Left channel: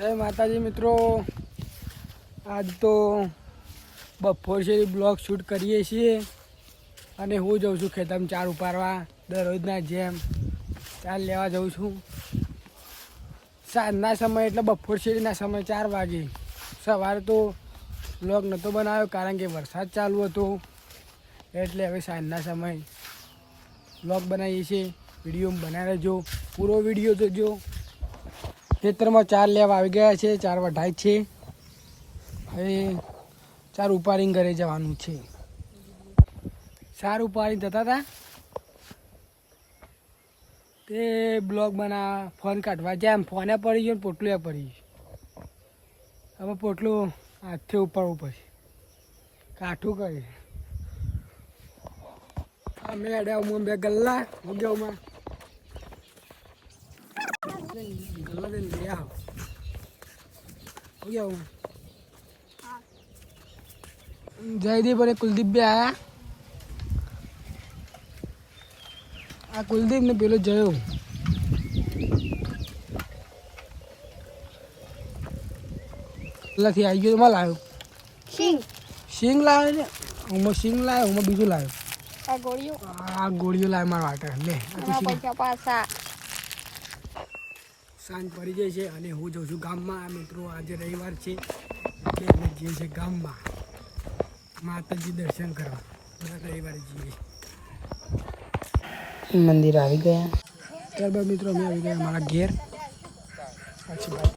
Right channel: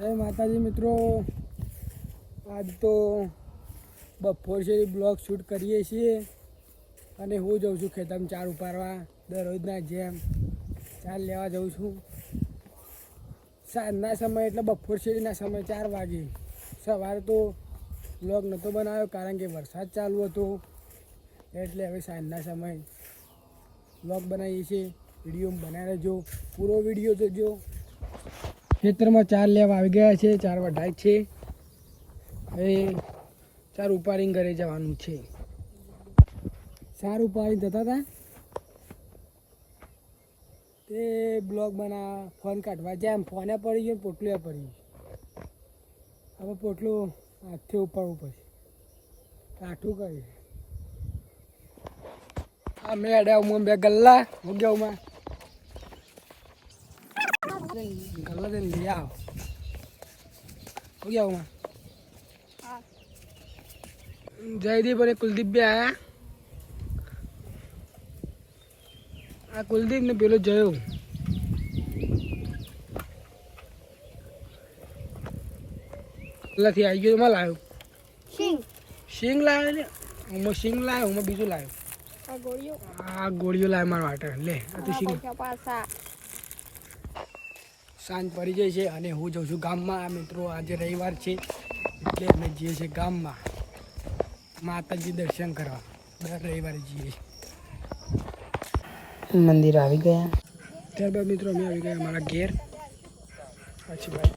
જય માતાજી મિત્રો, આજ તો બપોર છે બ્લોગ શૂટ કરીએ છીએ અને હું જાઉં છું ખેતરમાં ચાર ઉપાડવા દરરોજના જેમ ચાર લેવા જાઉં છું. સાંજના સમય એટલે બપોર શેરીના સમય 4 વાગે. સવારે તો બ્લોગ નહોતો બનાવ્યો કારણ કે વરસાદ ચાલુ હતો, એટલે હવે સાંજના સમય બ્લોગ બનાવીએ છીએ. વિડીયો બનાવી રહેજો, પૂરો વિડીયો જોજો. ખેતરમાં ચાર લેવા આવી ગયા છે, ચાર વઢાઈ છે. હવે ચાર ઉપાડીને ઘરે જવાનું છે. ચાર ઉપાડીને જતા હતા તે બ્લોગ બનાવવા ફોન કાઢવા જેમ ફોને પડી ગયો, પોટલું પડી ગયું. હવે પોટલું હાથથી ઉપાડવું પડશે, કાઠું કરી. અમે અડ્યા બે ગલ્લા ઉગ્યામાં ગલ્લા દઈને લઈ આવો ઉગ્યામાં. જયદીપ અને કુલદીપ બે આયા. આ કુલદીપ ને પેલો જયો. પેલાથી આવી ગયો. માં લાવ્યો સિંગ લાવ્યો ને હું સિંગ લાવ્યો, હું બીજું લાવ્યો. આ ગોળીઓ લાવે મારા માટે. લે આ તો સિંગ. સાંજ પડી જાય છે અને હું જાઉં છું ગામમાં. મિત્રો આજે રવિવાર છે એટલે અમે જઈએ છીએ ગામમાં માતાજી દર્શન કરવા. દર રવિવારે જઈએ. મંદિર આવી ગયા ત્યારબાદ મિત્રો અમે આવી ગયા અમારા ઘેર. પછી ભાઈ